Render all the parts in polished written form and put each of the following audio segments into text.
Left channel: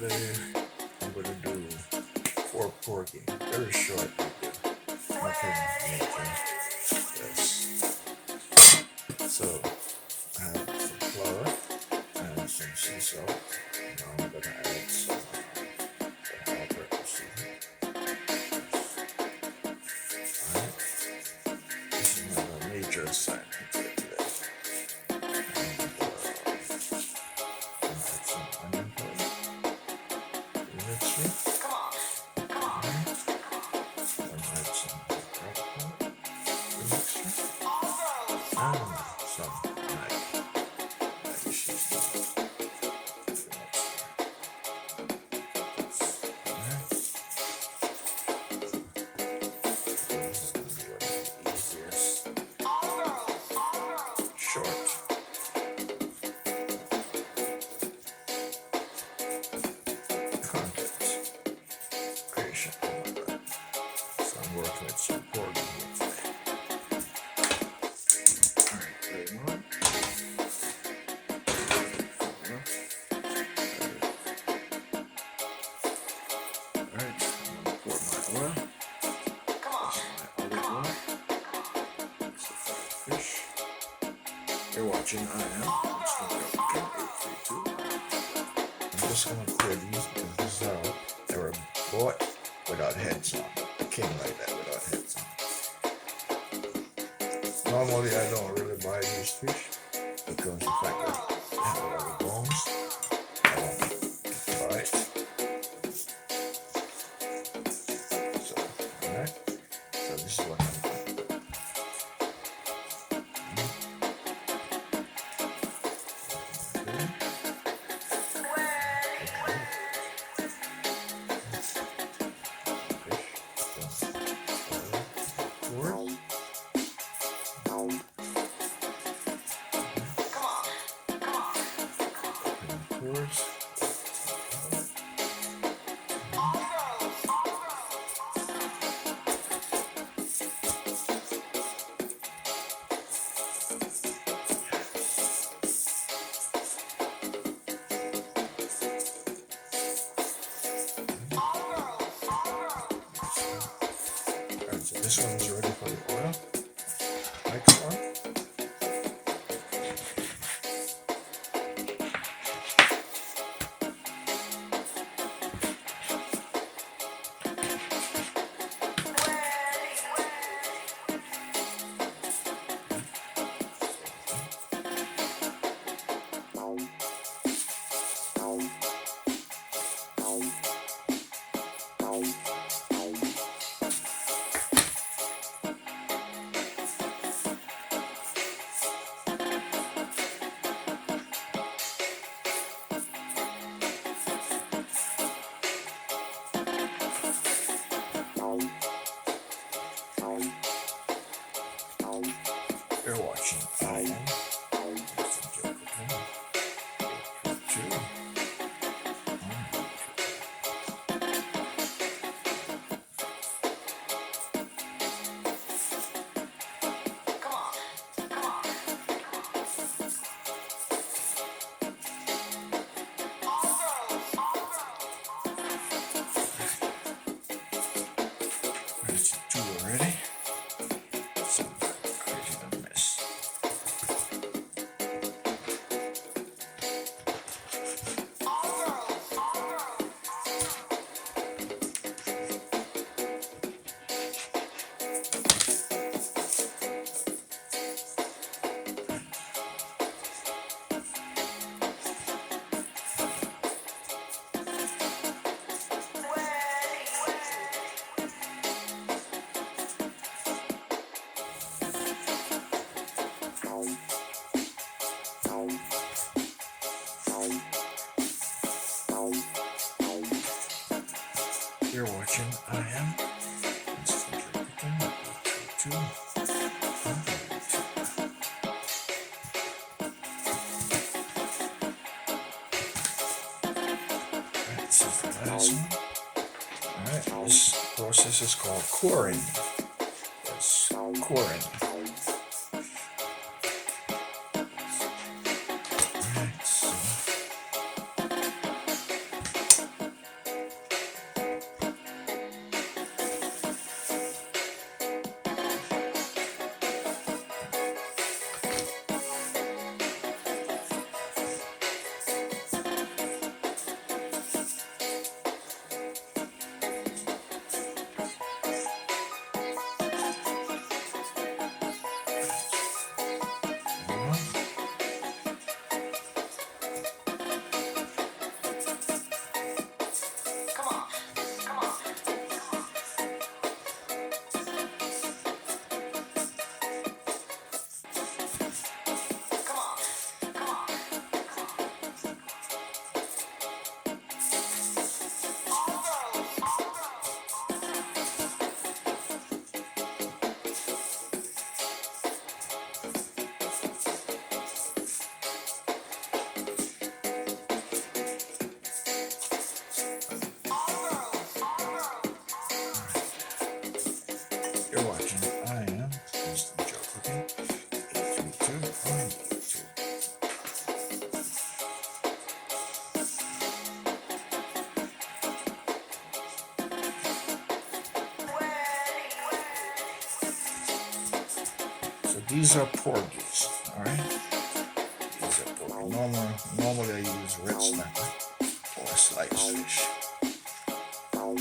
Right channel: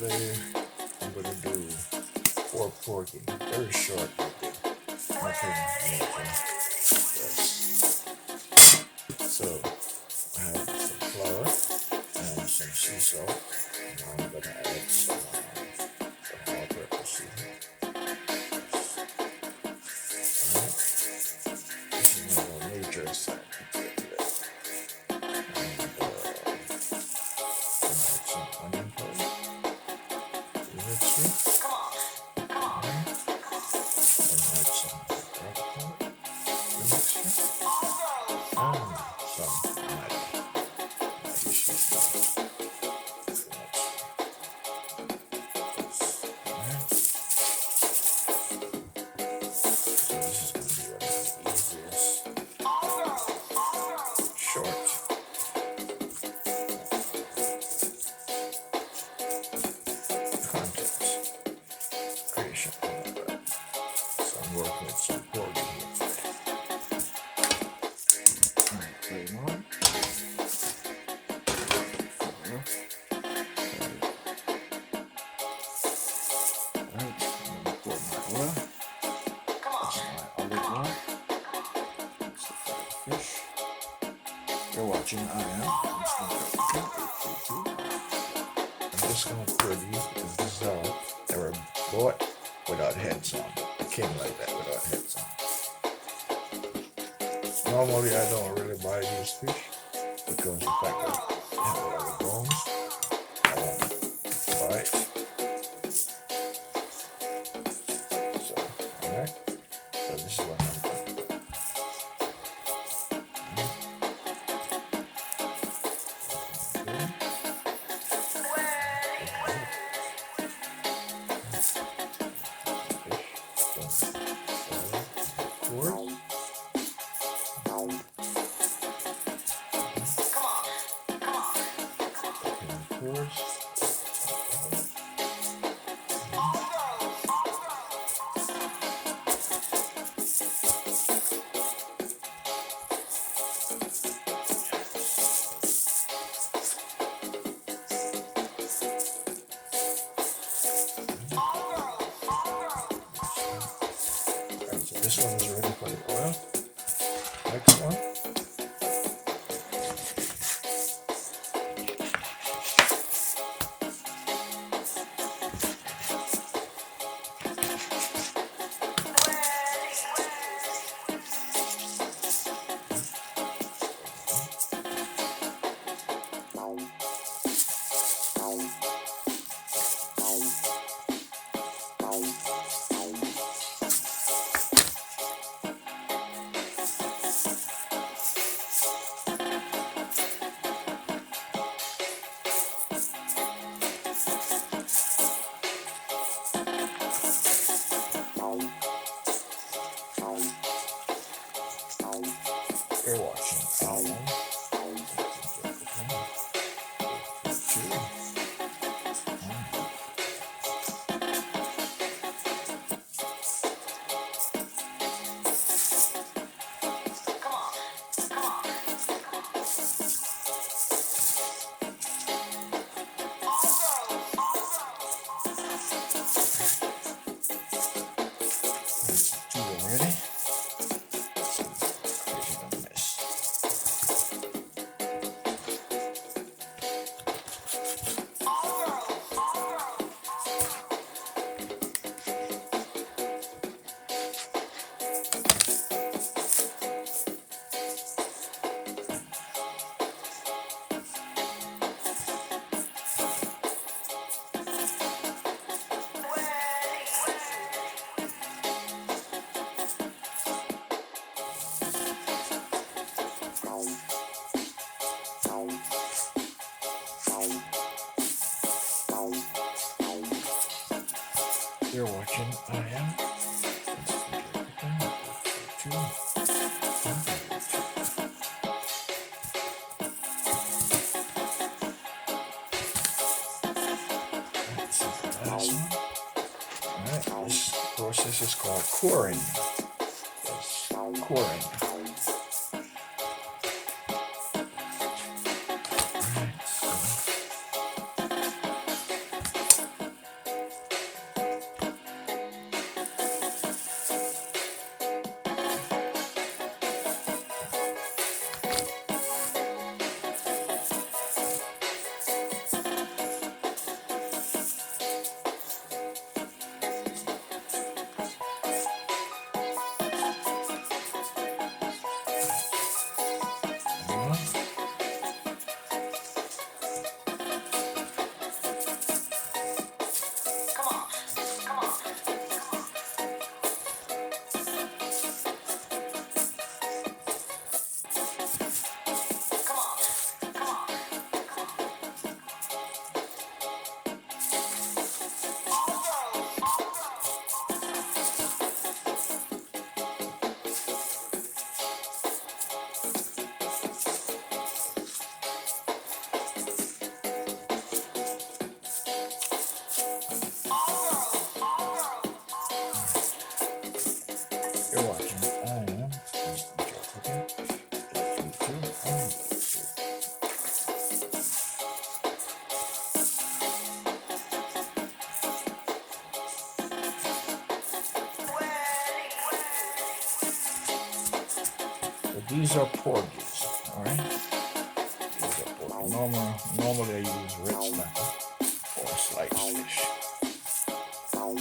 today I'm going to do 4 porgy. Very short video. Nothing major. Yes. So I have some flour and some sea salt. Now I'm going to add some all-purpose seasoning. Alright. This is my major assignment for today. And add some onion powder to the mixture. Alright. And add some garlic powder to the mixture. And some Maggi seasoning to the mixture. Alright. So this is going to be one of the easiest short content creation on my web. So I'm working with some Porgy here today. Alright, flame on. Alright, I'm going to pour my oil. This is my olive oil. That's the fried fish. You're watching I Am. I'm just going to drop it in 8, 3, 2. I'm just going to pour these because this is how they were bought without heads on. They came like that without heads on. Normally I don't really buy these fish because the fact that they have a lot of bones, I don't buy it. So, alright. So this is what I'm going to do. This one is ready for the oil. Next one. You're watching I Am. Two already. You're watching I Am. Alright, this is the last one. Alright, this process is called coring. Yes, coring. Alright, so these are porgies, all right? These are porgy. Normally I use red snapper or sliced fish. All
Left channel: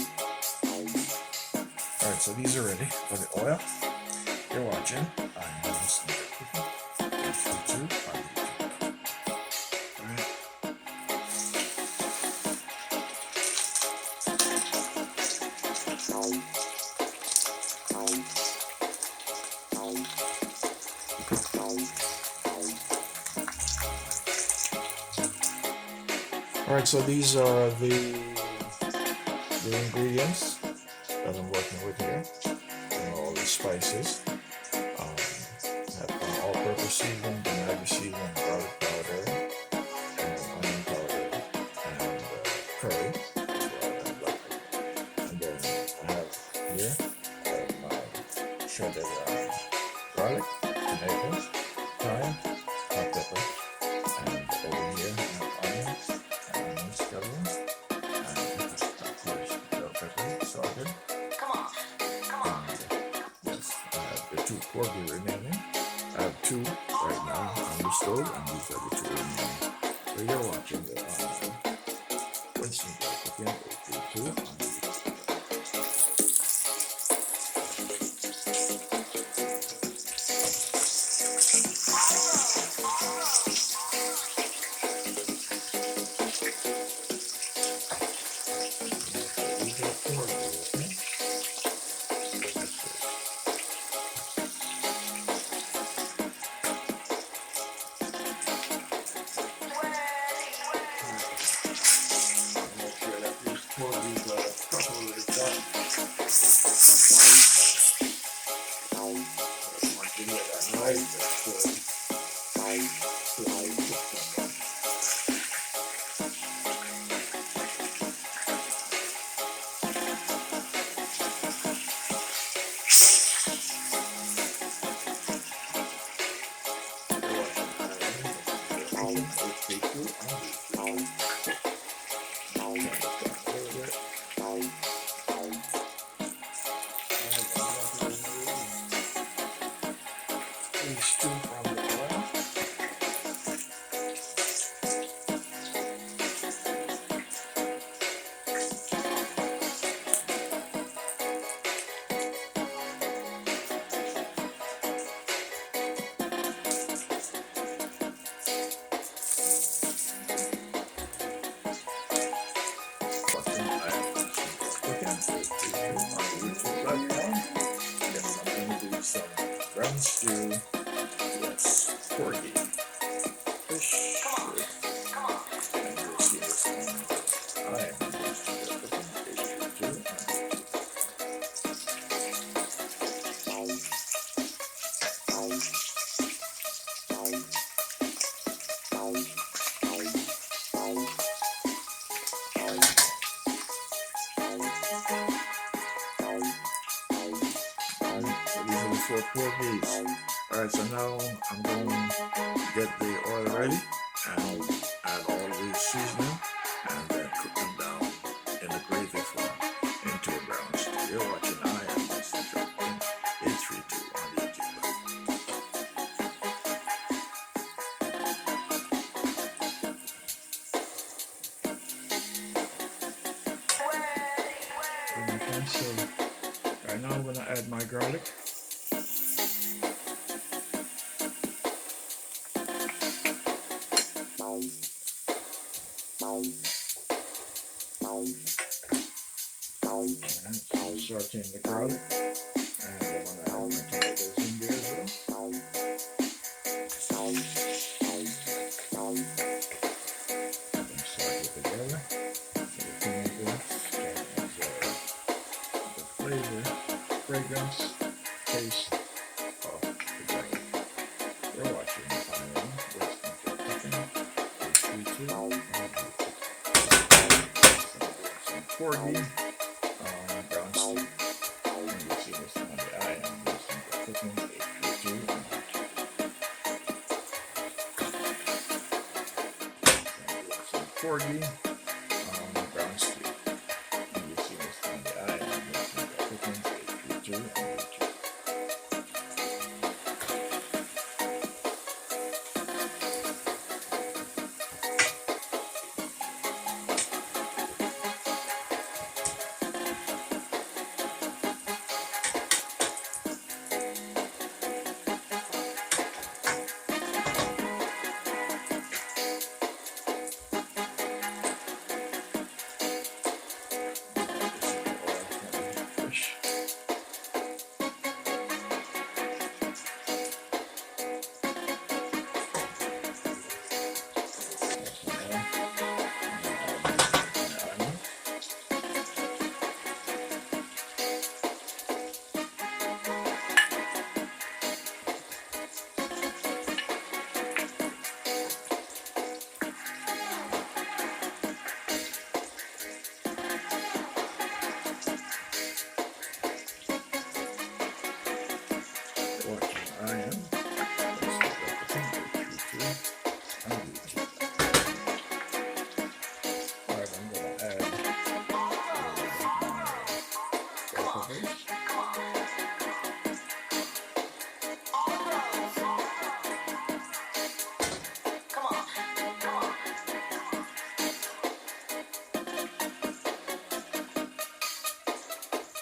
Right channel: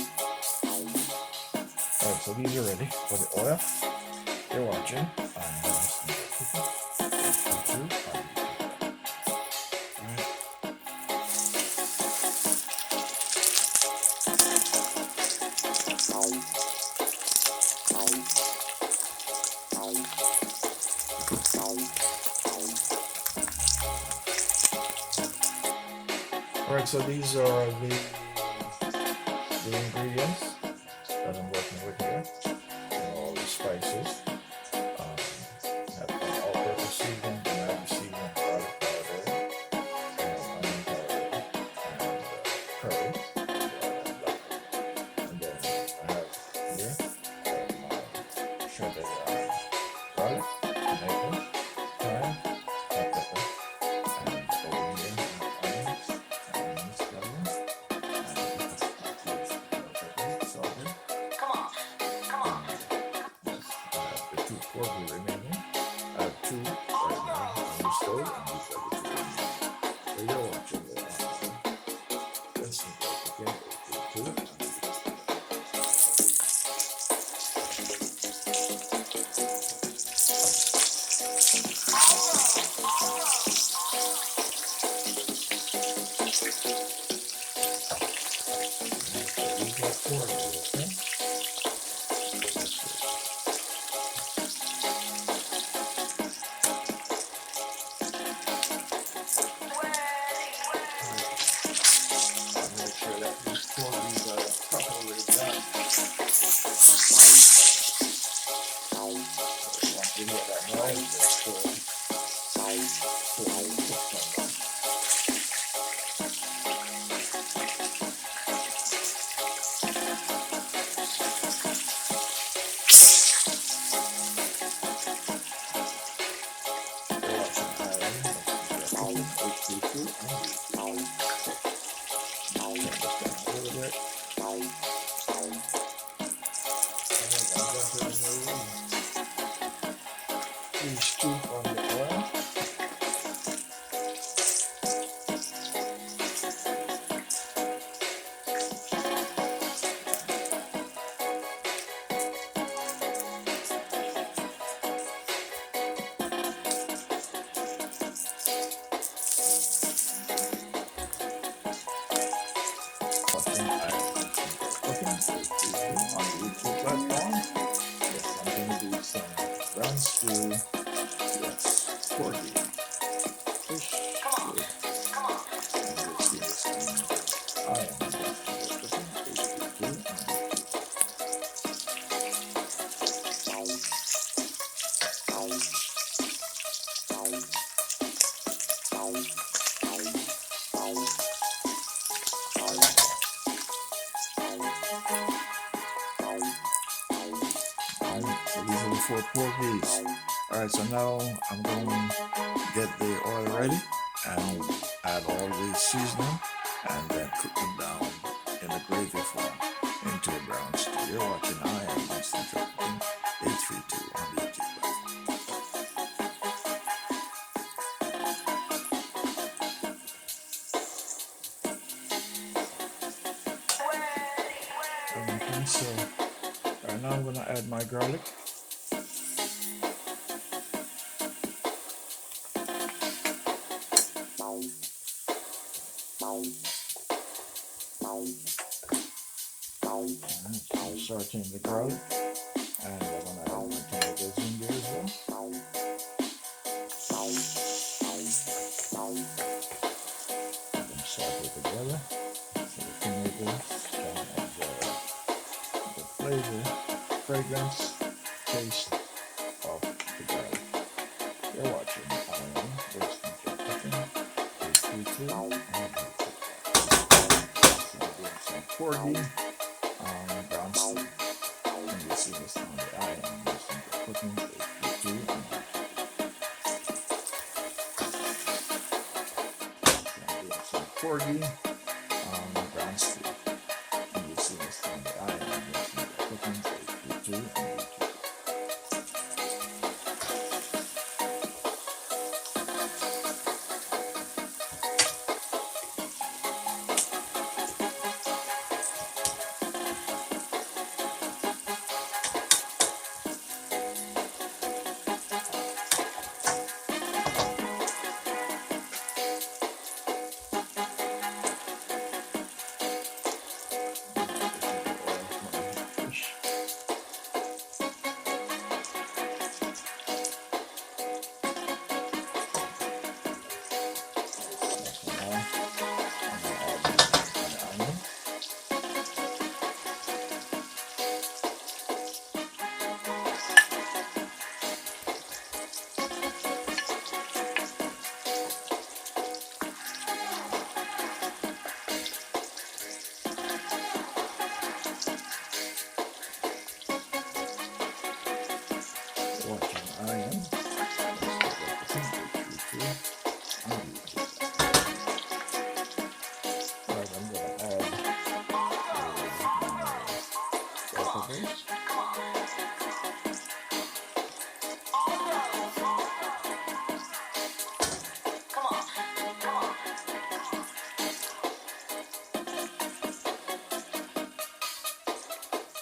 right, so these are ready for the oil. You're watching. I am Sneaker Cooking. YouTube on YouTube. All right. Alright, so these are the ingredients that I'm working with here. And all the spices. Have an all-purpose seasoning, tomato seasoning, garlic powder, and onion powder, and curry. And then I have here my shredded garlic, tomatoes, thyme, hot pepper, and over here onions, and scallions, and bell pepper, salted. Yes, I have the 2 porgy remaining. I have 2 right now on the stove, and these are the 2 remaining. So you're watching the Cuisine cooking 832. These 2 from the oil. Yes, I'm going to do some brown stew. Yes, porgy fish. And you'll see this one. I am cooking 832. So these are the 4 porgies. Alright, so now I'm going to get the oil ready and add all the seasoning and then cook them down in the gravy form into a brown stew. You're watching I am Sneaker Cooking 832 on YouTube. Okay, so right now I'm going to add my garlic. Sauteing the garlic, and I'm going to add the tomatoes in there as well. Let them saute together so the tomatoes can absorb the flavor, fragrance, taste of the garlic. You're watching I am Sneaker Cooking 832. Some porgy. Brown stew. And you'll see this on the I am Sneaker Cooking 832. Some porgy brown stew. And you'll see this on the I am Sneaker Cooking 832 on YouTube.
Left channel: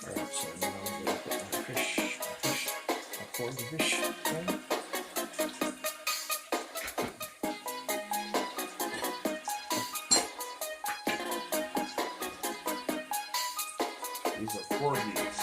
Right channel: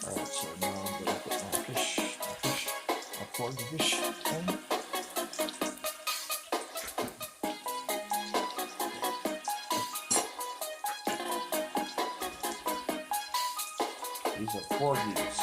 Alright, so now I'm going to put my porgy fish in. These are porgies.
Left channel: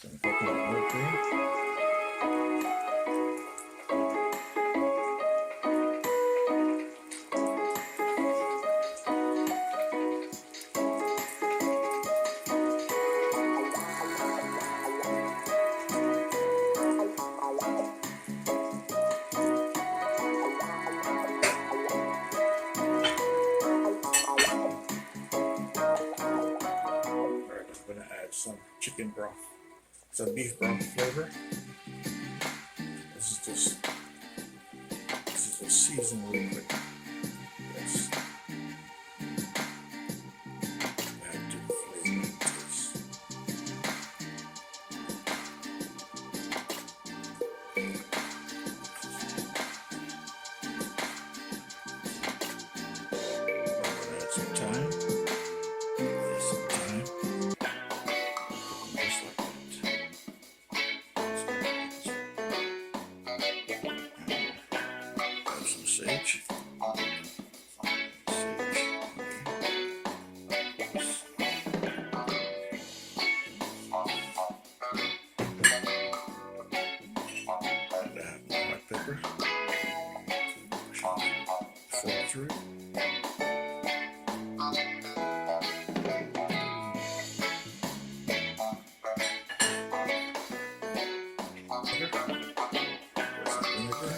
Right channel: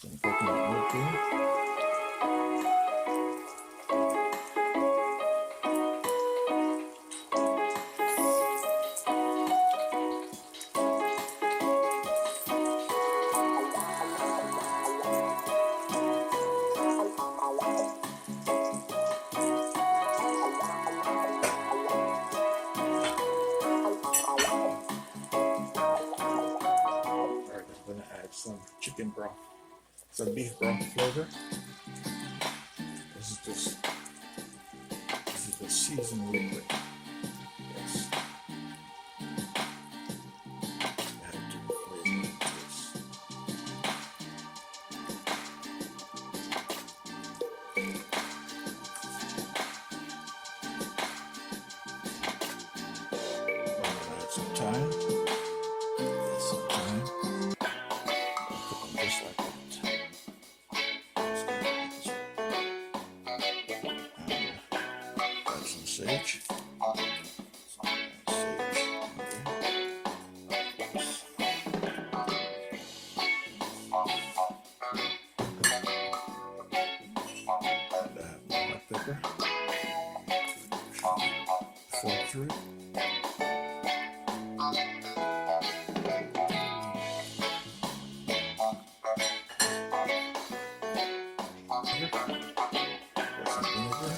Some coconut milk here. Some chicken broth, some beef broth flavor. This is a seasoned liquid. Yes. Add to the flavor and taste. Add some thyme. Sage. And black pepper. Flow through. Some vinegar.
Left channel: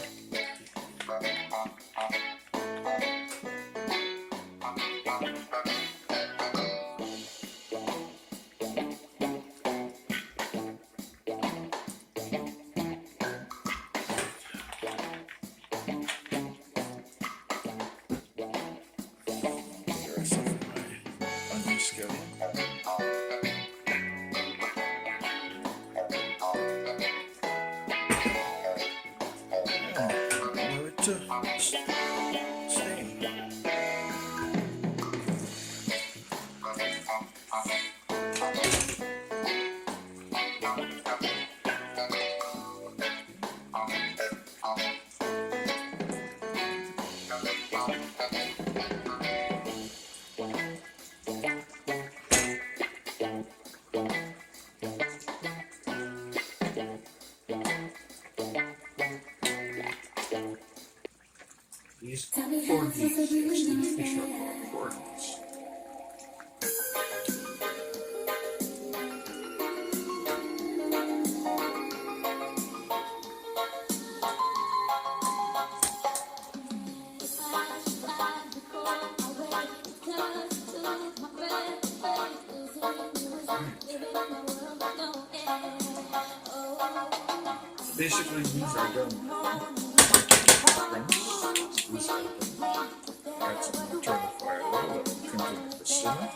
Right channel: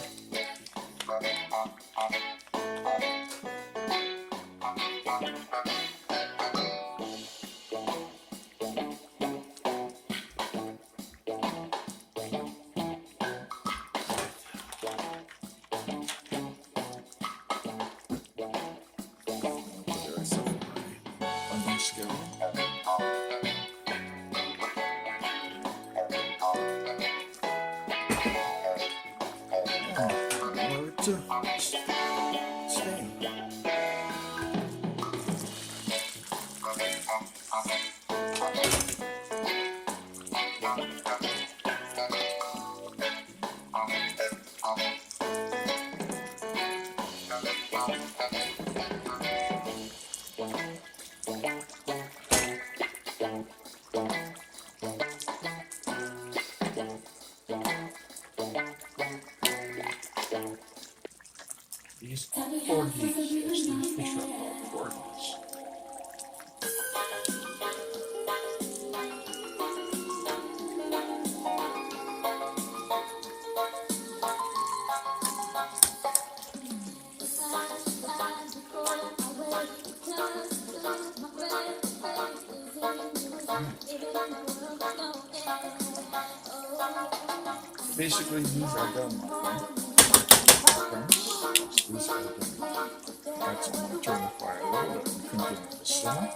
These porgies, yes, the fish are called porgies. Basically, these are done, my friend. These are done. Alright, so I'm going to turn the fire low and continue to simmer.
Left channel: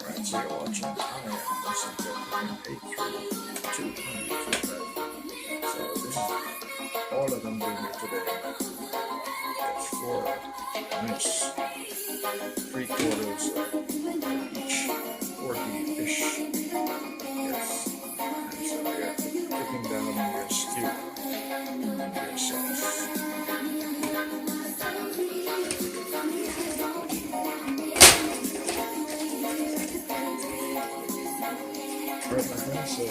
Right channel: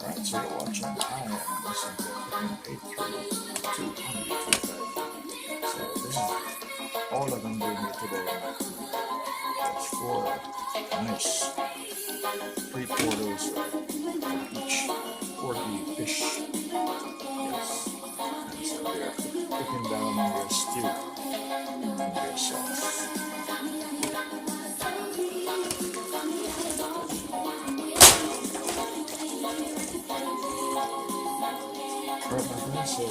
Alright, so you're watching. I am listening to Outr 832 on YouTube. So this is all of them do here today. That's 4 nice 3/4 of each porgy fish. Yes. And so they're cooking down in your stew and your sauce. Alright, my friends, so